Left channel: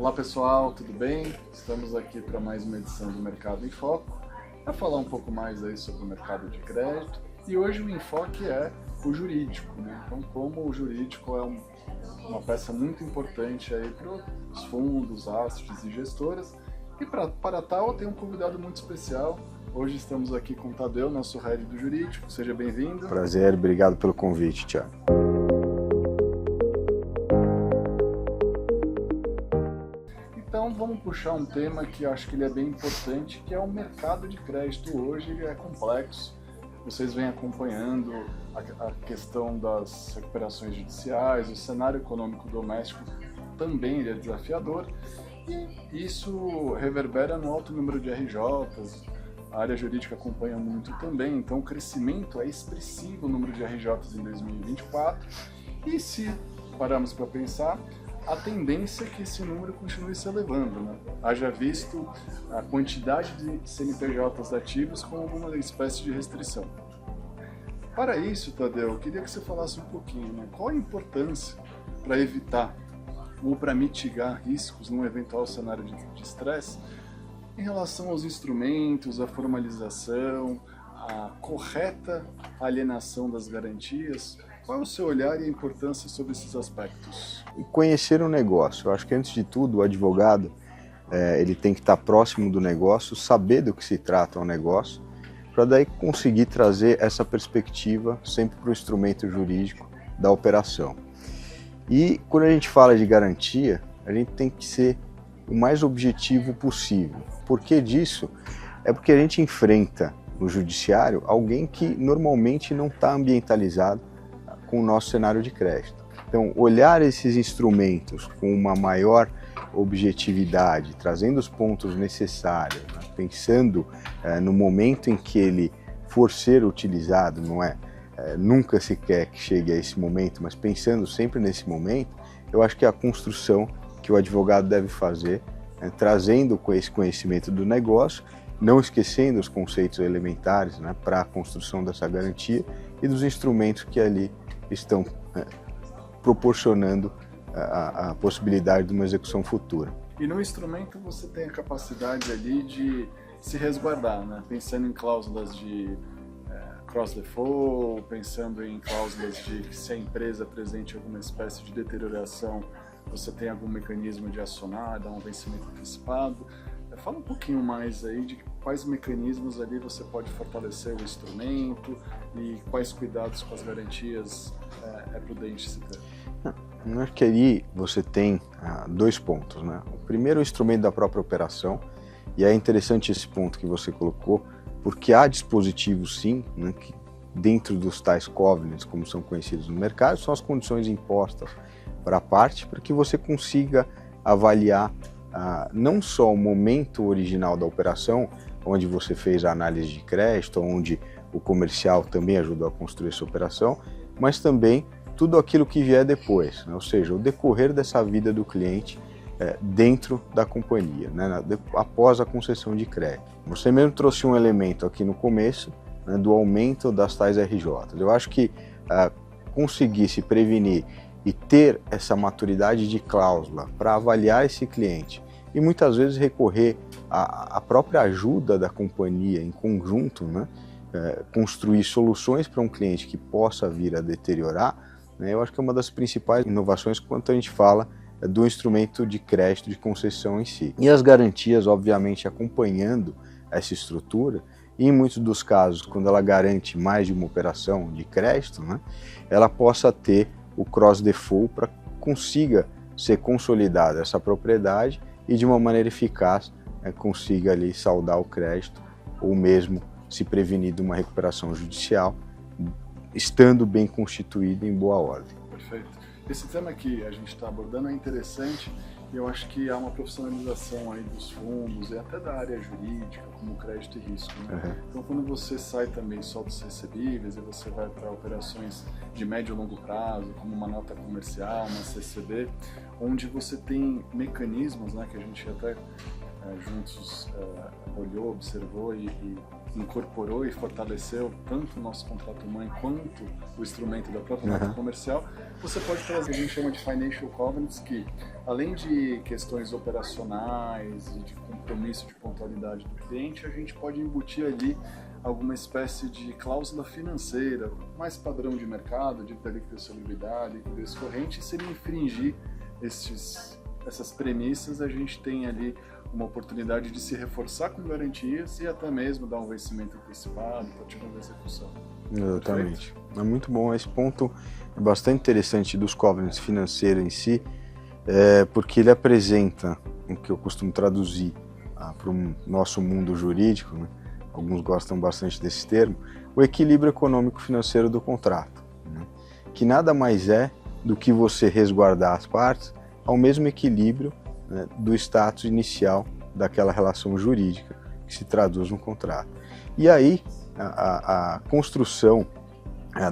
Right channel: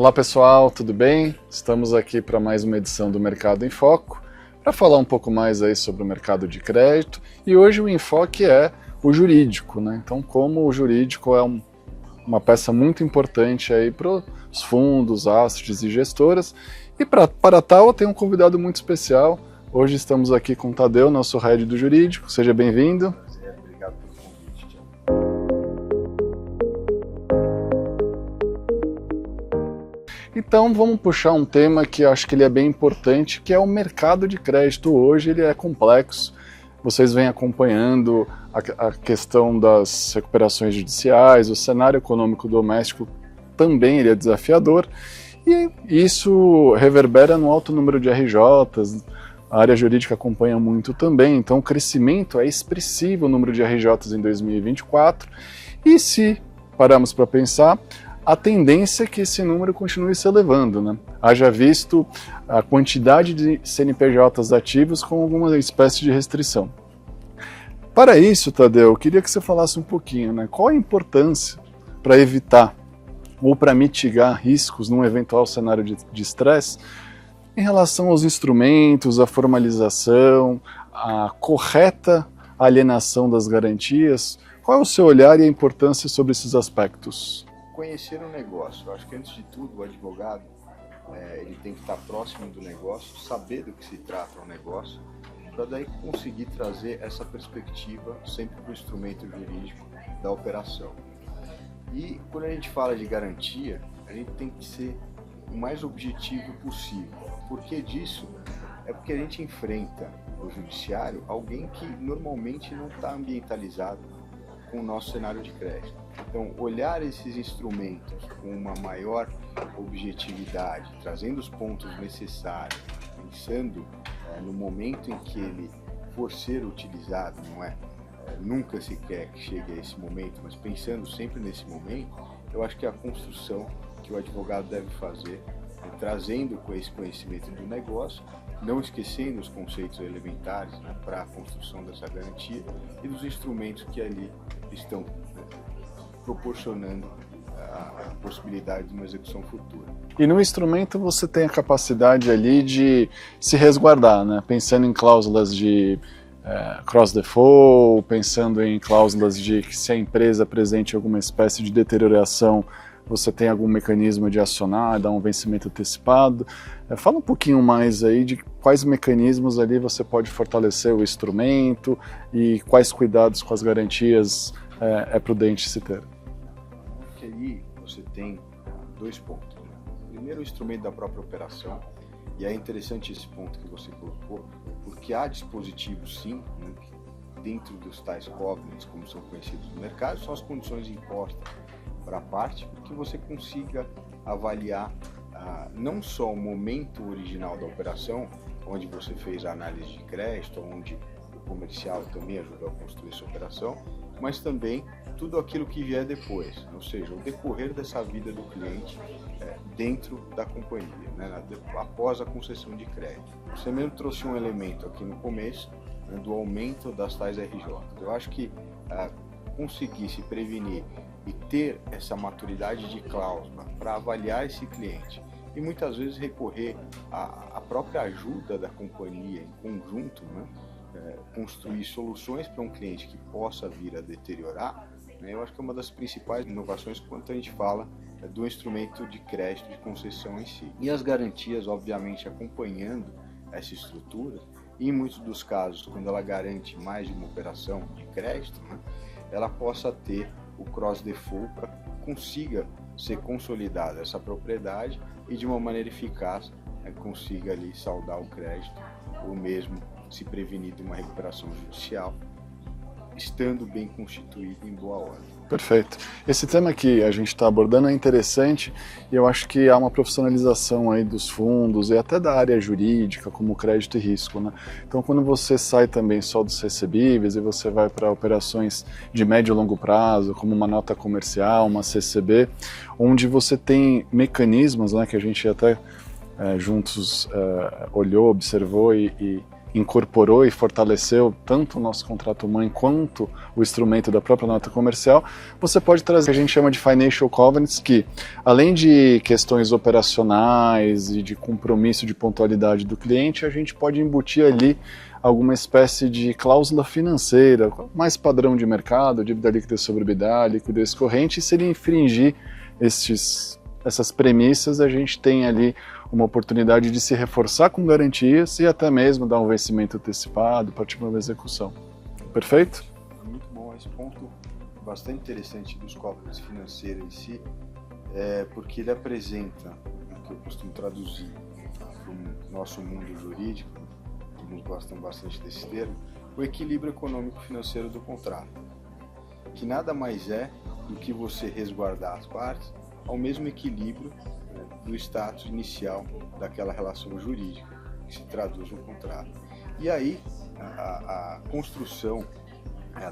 Olá pessoal, tudo bem? Estamos aqui para mais uma edição do Mercado em Foco, para falar um pouco mais aí sobre o mercado de crédito, e hoje o enfoque é o jurídico, né? Então como o jurídico é uma peça muito importante aí para os fundos, assets e gestoras, e para tal eu tenho um convidado muito especial. Hoje estamos aqui com o Tadeu, nosso head do jurídico. Seja bem-vindo. Prazer, obrigado pelo convite, Thiago. Então vamos puxar um tema que acho que ele é bem importante, que é o mercado de crédito. Hoje ele é complexo. Vocês vêm acompanhando a questão das recuperações judiciais, o cenário econômico doméstico também ele é desafiador, e isso reverbera no alto número de RJs. A área jurídica acompanha muito também, então o crescimento é expressivo, o número de RJs em 2024, e se pararmos para pensar, a tendência é que esse número continue se elevando, né? Haja visto a quantidade de CNPJs ativos com alguma espécie de restrição. Para isso, Tadeu, eu queria que você falasse um pouquinho, né? Qual a importância para evitar ou para mitigar riscos num eventual cenário de estresse em relação aos instrumentos, a formalização, a correta alienação das garantias? Qual é o seu olhar e a importância sobre esses aspectos? Conhecer o negócio. Eu acho que, antes de tudo, o advogado ele tem que estar próximo do negócio, saber do que se trata o negócio, para daí conseguir trazer essa perspectiva sempre para o instrumento jurídico da operação. E quando a gente fala de garantia, a gente tem que ser o mais objetivo possível. Por que disso? É porque a gente enfrenta no judiciário alguém que normalmente não está ambientalizado com o nosso cenário de crédito. Então, olhar esses instrumentos com uma maior objetividade, trazendo os pontos necessários, pensando no momento em que ele for ser utilizado, não é? Nunca se quer que chegue a esse momento, mas pensando sempre nesse momento, eu acho que é a construção que o advogado deve fazer, trazendo esse conhecimento do negócio, não esquecendo os conceitos elementares, né, para a construção dessa garantia e dos instrumentos que ali estão proporcionando a possibilidade de uma execução futura. E no instrumento você tem a capacidade ali de se resguardar, né? Pensando em cláusulas de cross-default, pensando em cláusulas de que, se a empresa apresente alguma espécie de deterioração, você tem algum mecanismo de acionar, dar um vencimento antecipado. Fala um pouquinho mais aí de quais mecanismos ali você pode fortalecer o instrumento e quais cuidados com as garantias é prudente se ter. Eu acho que ali você tem dois pontos, né? O primeiro é o instrumento da própria operação, e é interessante esse ponto que você colocou, porque há dispositivos, sim, né, que dentro dos tais covenants, como são conhecidos no mercado, são as condições impostas para a parte, para que você consiga avaliar não só o momento original da operação, onde você fez a análise de crédito, onde o comercial também ajudou a construir essa operação, mas também tudo aquilo que vier depois, né? Ou seja, o decorrer dessa vida do cliente dentro da companhia, né? Após a concessão de crédito. Você mesmo trouxe um elemento aqui no começo, né, do aumento das tais RJs. Eu acho que conseguir se prevenir e ter essa maturidade de cláusula para avaliar esse cliente e muitas vezes recorrer à própria ajuda da companhia em conjunto, né? Construir soluções para um cliente que possa vir a deteriorar, né? Eu acho que é uma das principais inovações quando a gente fala do instrumento de crédito de concessão em si. E as garantias, obviamente, acompanhando essa estrutura, e em muitos dos casos, quando ela garante mais de uma operação de crédito, né, ela possa ter o cross-default para que consiga ser consolidada essa propriedade e, de uma maneira eficaz, consiga ali saldar o crédito ou mesmo se prevenir de uma recuperação judicial, estando bem constituído em boa ordem. Perfeito. Esse tema que a gente está abordando é interessante, e eu acho que há uma profissionalização aí dos fundos e até da área jurídica, como crédito e risco, né? Então, quando você sai também só dos recebíveis e você vai para operações de médio e longo prazo, como uma nota comercial, uma CCB, onde você tem mecanismos, né, que a gente até juntos olhou, observou e incorporou e fortaleceu tanto o nosso contrato mãe quanto o instrumento da própria nota comercial, você pode trazer o que a gente chama de financial covenants, que além de questões operacionais e de compromisso de pontualidade do cliente, a gente pode embutir ali alguma espécie de cláusula financeira, mais padrão de mercado, dívida líquida sobre EBITDA, liquidez corrente, e se ele infringir essas premissas, a gente tem ali uma oportunidade de se reforçar com garantias e até mesmo dar um vencimento antecipado, partir para uma execução. Exatamente. Perfeito? É muito bom. Esse ponto é bastante interessante dos covenants financeiros em si, porque ele apresenta o que eu costumo traduzir para o nosso mundo jurídico, né? Alguns gostam bastante desse termo, o equilíbrio econômico-financeiro do contrato, né? Que nada mais é do que você resguardar as partes ao mesmo equilíbrio, né, do status inicial daquela relação jurídica que se traduz no contrato. E aí a construção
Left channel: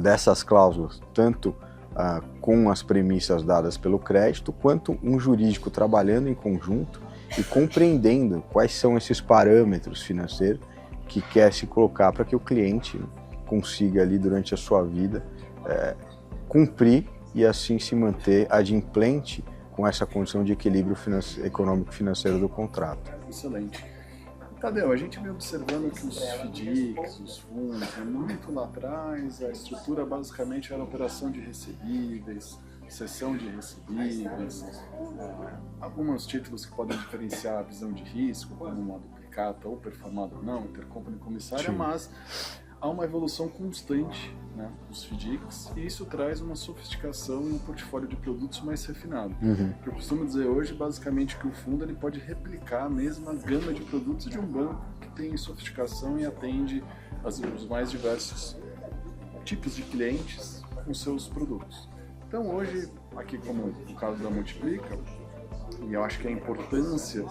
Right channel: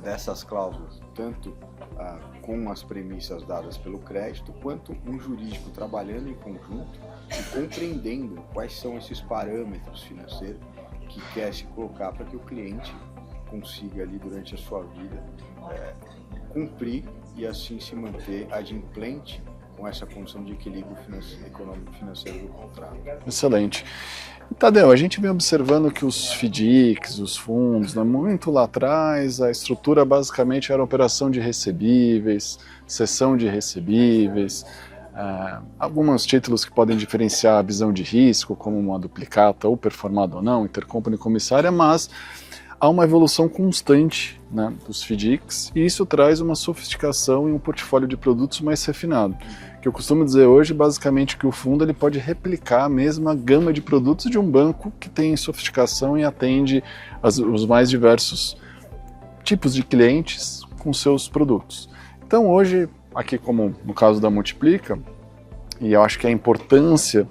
dessas cláusulas, tanto com as premissas dadas pelo crédito, quanto um jurídico trabalhando em conjunto e compreendendo quais são esses parâmetros financeiros que quer se colocar para que o cliente consiga ali durante a sua vida cumprir e assim se manter adimplente com essa condição de equilíbrio econômico-financeiro do contrato. Excelente. Tadeu, a gente vem observando que os FDICs, os fundos, muito lá atrás, a estrutura basicamente era operação de recebíveis, cessão de recebíveis, alguns títulos que podem diferenciar a visão de risco, como uma duplicata ou performada ou não, intercompany comissária, mas há uma evolução constante, né, dos FDICs, e isso traz uma sofisticação e um portfólio de produtos mais refinado. Que eu costumo dizer hoje, basicamente, que o fundo ele pode replicar a mesma gama de produtos de um banco que tem sofisticação e atende os mais diversos tipos de clientes com seus produtos. Então hoje, aqui como no caso da Multiplica, e eu acho que a importância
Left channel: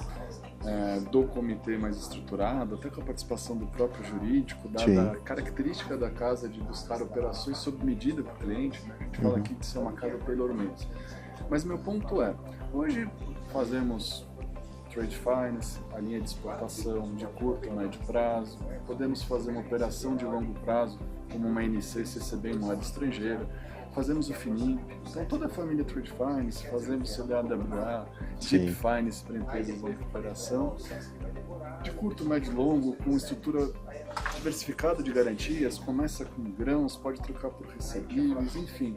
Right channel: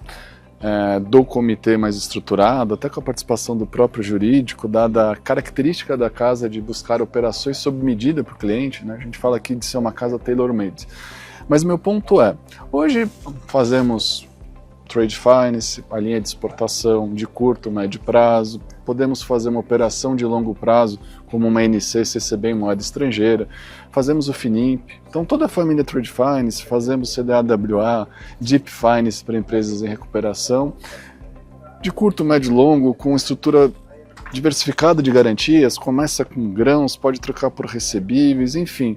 do comitê mais estruturado, até com a participação do próprio jurídico, dada a característica da casa de buscar operações sob medida para o cliente, né? A gente fala aqui de ser uma casa tailor-made. Mas meu ponto é, hoje fazemos trade finance, a linha de exportação de curto, médio prazo, podemos fazer uma operação de longo prazo, como uma NC, CCB em moeda estrangeira, fazemos o FINIMP, então toda a família Trade Finance, fazemos CDAWA, Deep Finance para empresas em recuperação, de curto, médio e longo, com estrutura diversificada de garantias, começa com grãos, pode trocar por recebíveis, enfim.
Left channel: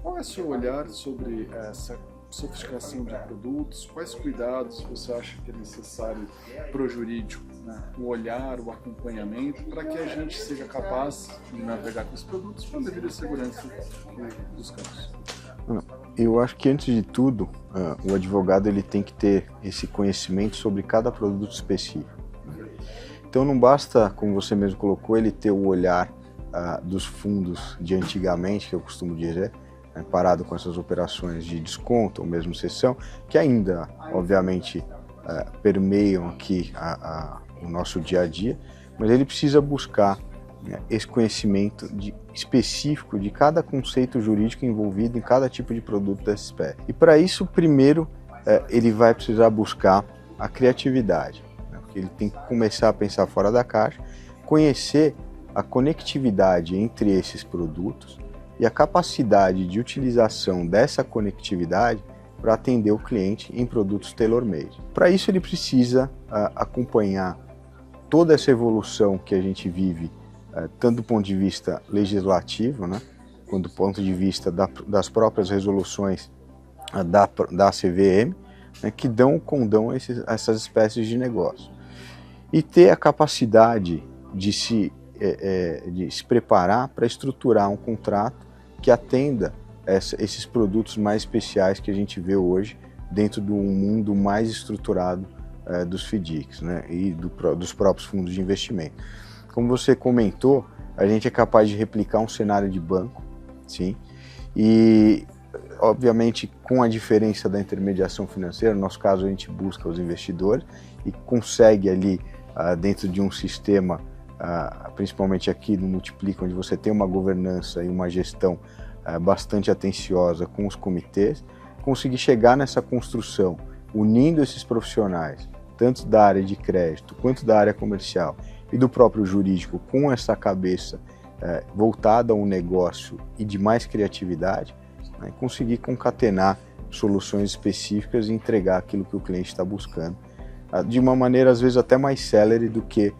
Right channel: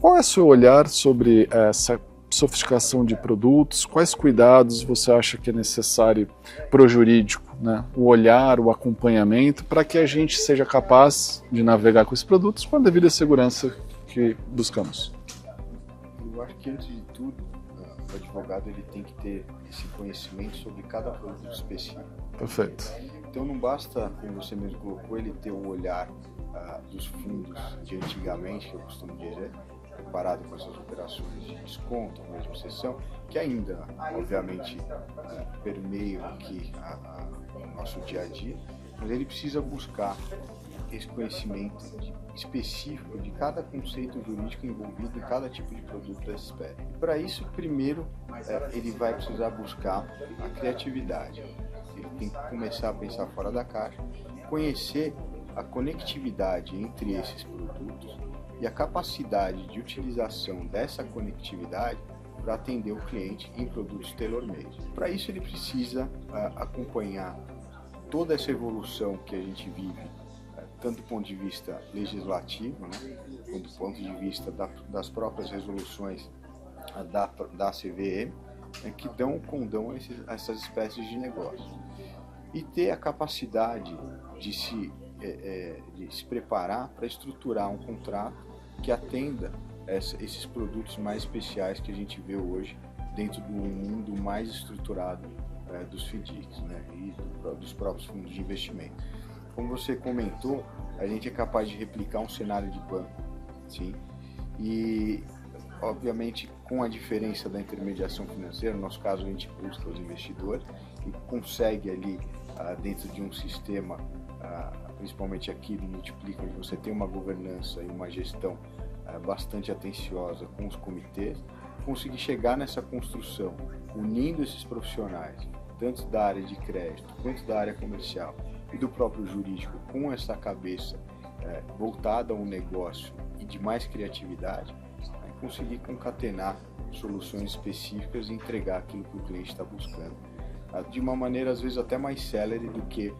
Qual é o seu olhar sobre essa sofisticação de produtos? Quais cuidados você acha que é necessário para o jurídico, né? O olhar, o acompanhamento, para que a gente seja capaz de navegar com esses produtos com a devida segurança que buscamos? Eu acho que, antes de tudo, o advogado ele tem que ter esse conhecimento sobre cada produto específico. Perfeito. Então não basta, como você mesmo colocou, ele ter o olhar dos fundos de antigamente, que eu costumo dizer, parado com essas operações de desconto ou mesmo cessão, que ainda, obviamente, permeiam aqui o nosso dia a dia, mas ele precisa buscar esse conhecimento específico de cada conceito jurídico envolvido em cada tipo de produto dessa espécie. E para isso, primeiro, ele vai precisar buscar a criatividade. Ele tem que começar a pensar fora da caixa, conhecer a conectividade entre esses produtos e a capacidade de utilização dessa conectividade para atender o cliente em produtos tailor-made. Para isso, ele precisa acompanhar toda essa evolução que a gente vive, tanto do ponto de vista legislativo, né, quanto do ponto de vista das próprias resoluções da CVM, né, que dão condão a essas espécies de negócio. E ter a capacidade de se preparar para estruturar um contrato que atenda esses produtos mais especiais que a gente vê hoje dentro do mundo mais estruturado dos FDICs, né, e dos próprios fundos de investimento. Como você comentou, a gente é capaz de replicar um cenário de banco, sim, e obviamente com a diferença da intermediação financeira, no nosso caso a gente busca os investidores e consegue ali dentro de um sistema, principalmente aqui no Multiplica, onde você tem uma governança e uma gestão bastante atenciosa com os comitês, conseguir chegar nessa construção, unindo esses profissionais, tanto da área de crédito quanto da área comercial, e do próprio jurídico com essa cabeça voltada a um negócio e de mais criatividade, né, conseguir concatenar soluções específicas e entregar aquilo que o cliente está buscando, de uma maneira às vezes até mais célere do que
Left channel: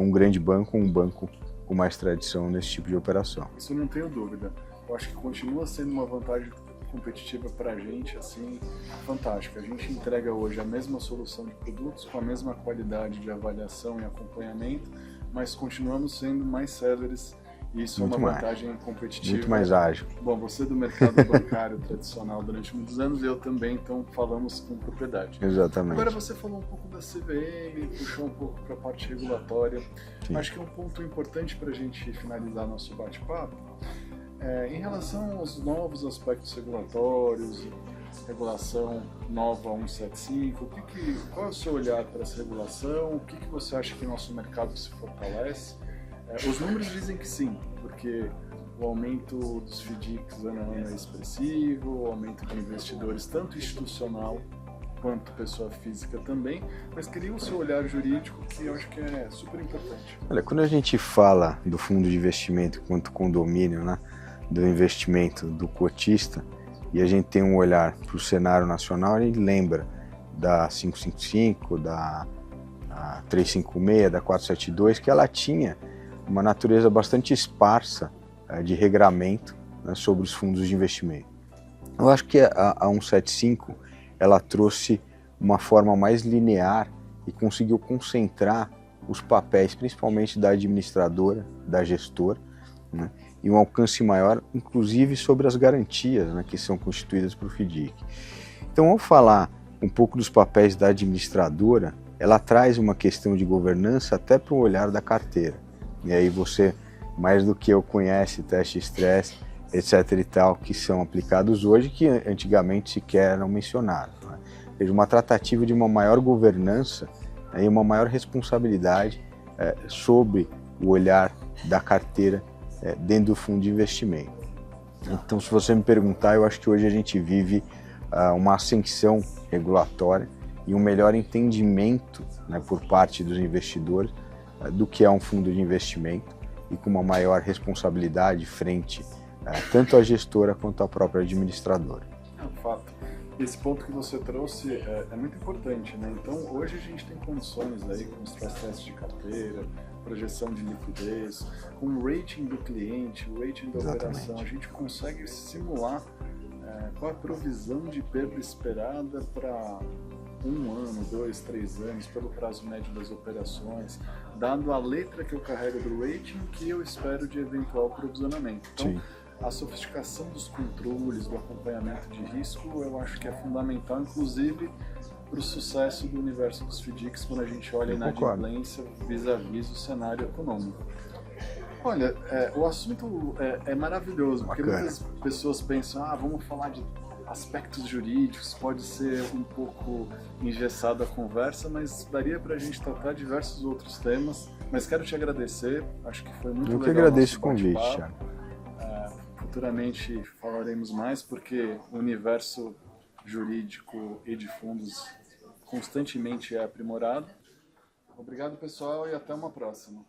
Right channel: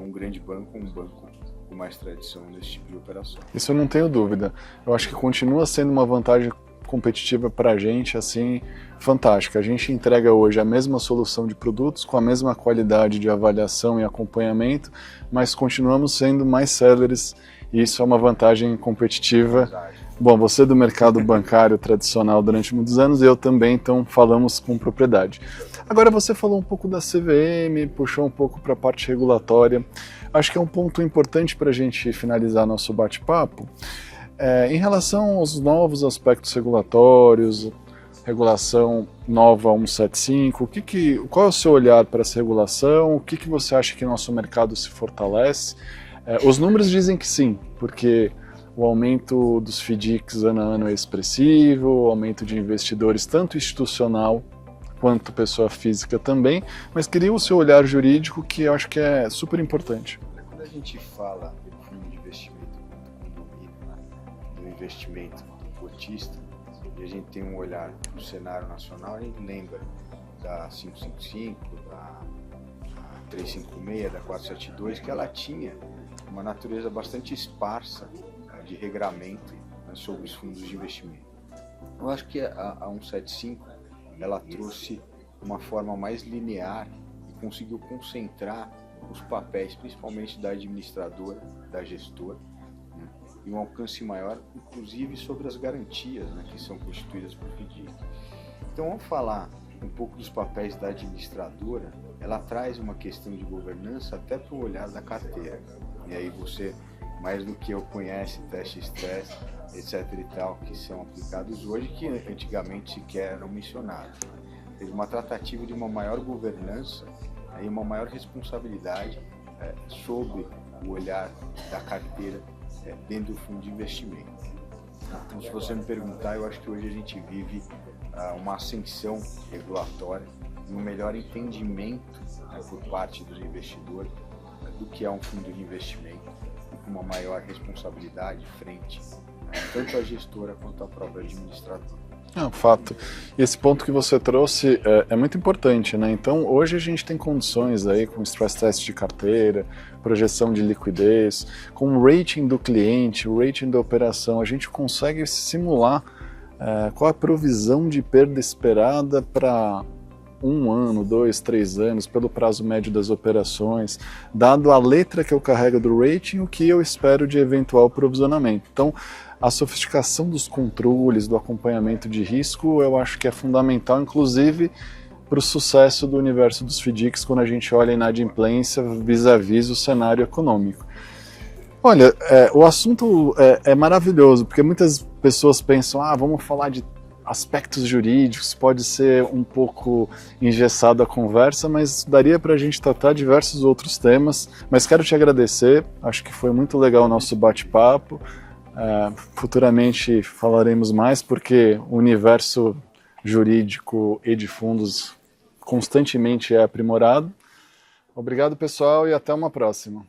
um grande banco, um banco com mais tradição nesse tipo de operação. Isso eu não tenho dúvida. Eu acho que continua sendo uma vantagem competitiva para a gente, assim, fantástica. A gente entrega hoje a mesma solução de produtos com a mesma qualidade de avaliação e acompanhamento, mas continuamos sendo mais céleres e isso Muito é uma vantagem competitiva. Muito mais ágil. Bom, você do mercado bancário tradicional durante muitos anos e eu também, então falamos com propriedade. Exatamente. Agora você falou um pouco da CVM, puxou um pouco para a parte regulatória. Sim. Acho que é um ponto importante para a gente finalizar nosso bate-papo. Em relação aos novos aspectos regulatórios, regulação nova 175, qual é o seu olhar para essa regulação? O que você acha que nosso mercado se fortalece? Os números dizem que sim, porque o aumento dos FDICs ano a ano é expressivo, o aumento de investidores, tanto institucional quanto pessoa física também, mas queria o seu olhar jurídico, que eu acho que é super importante. Olha, quando a gente fala do fundo de investimento quanto condomínio, né, do investimento do cotista, e a gente tem um olhar para o cenário nacional, a gente lembra da 555, da 356, da 472, que ela tinha uma natureza bastante esparsa de regramento, né, sobre os fundos de investimento. Eu acho que a 175 ela trouxe uma forma mais linear e conseguiu concentrar os papéis, principalmente da administradora, da gestora, né, e um alcance maior, inclusive sobre as garantias, né, que são constituídas por FDIC. Então, ao falar um pouco dos papéis da administradora, ela traz uma questão de governança até para o olhar da carteira. E aí você, mais do que eu, conhece teste estresse, etc. e tal, que são aplicados hoje, que antigamente sequer eram mencionados, né? Ou seja, uma tratativa de uma maior governança, né, e uma maior responsabilidade sobre o olhar da carteira dentro do fundo de investimento. Então, se você me perguntar, eu acho que hoje a gente vive uma ascensão regulatória e um melhor entendimento, né, por parte dos investidores do que é um fundo de investimento e com uma maior responsabilidade frente tanto à gestora quanto à própria administradora. Fato. E esse ponto que você trouxe é muito importante, né? Então, hoje a gente tem condições aí com stress test de carteira, projeção de liquidez, com o rating do cliente, o rating da operação, a gente consegue simular qual a provisão de perda esperada para 1 ano, 2, 3 anos, pelo prazo médio das operações, dado a letra que eu carrego do rating, o que eu espero de eventual provisionamento. Então, sim, a sofisticação dos controles, do acompanhamento de risco, eu acho que é fundamental, inclusive para o sucesso do universo dos FDICs quando a gente olha a inadimplência vis-à-vis o cenário econômico. Olha, o assunto é maravilhoso, porque muitas pessoas pensam, vamos falar de aspectos jurídicos, pode ser um pouco engessada a conversa, mas daria para a gente tratar diversos outros temas. Mas quero te agradecer, acho que foi muito legal o nosso bate-papo. Futuramente falaremos mais, porque o universo jurídico e de fundos constantemente é aprimorado. Obrigado, pessoal, e até uma próxima.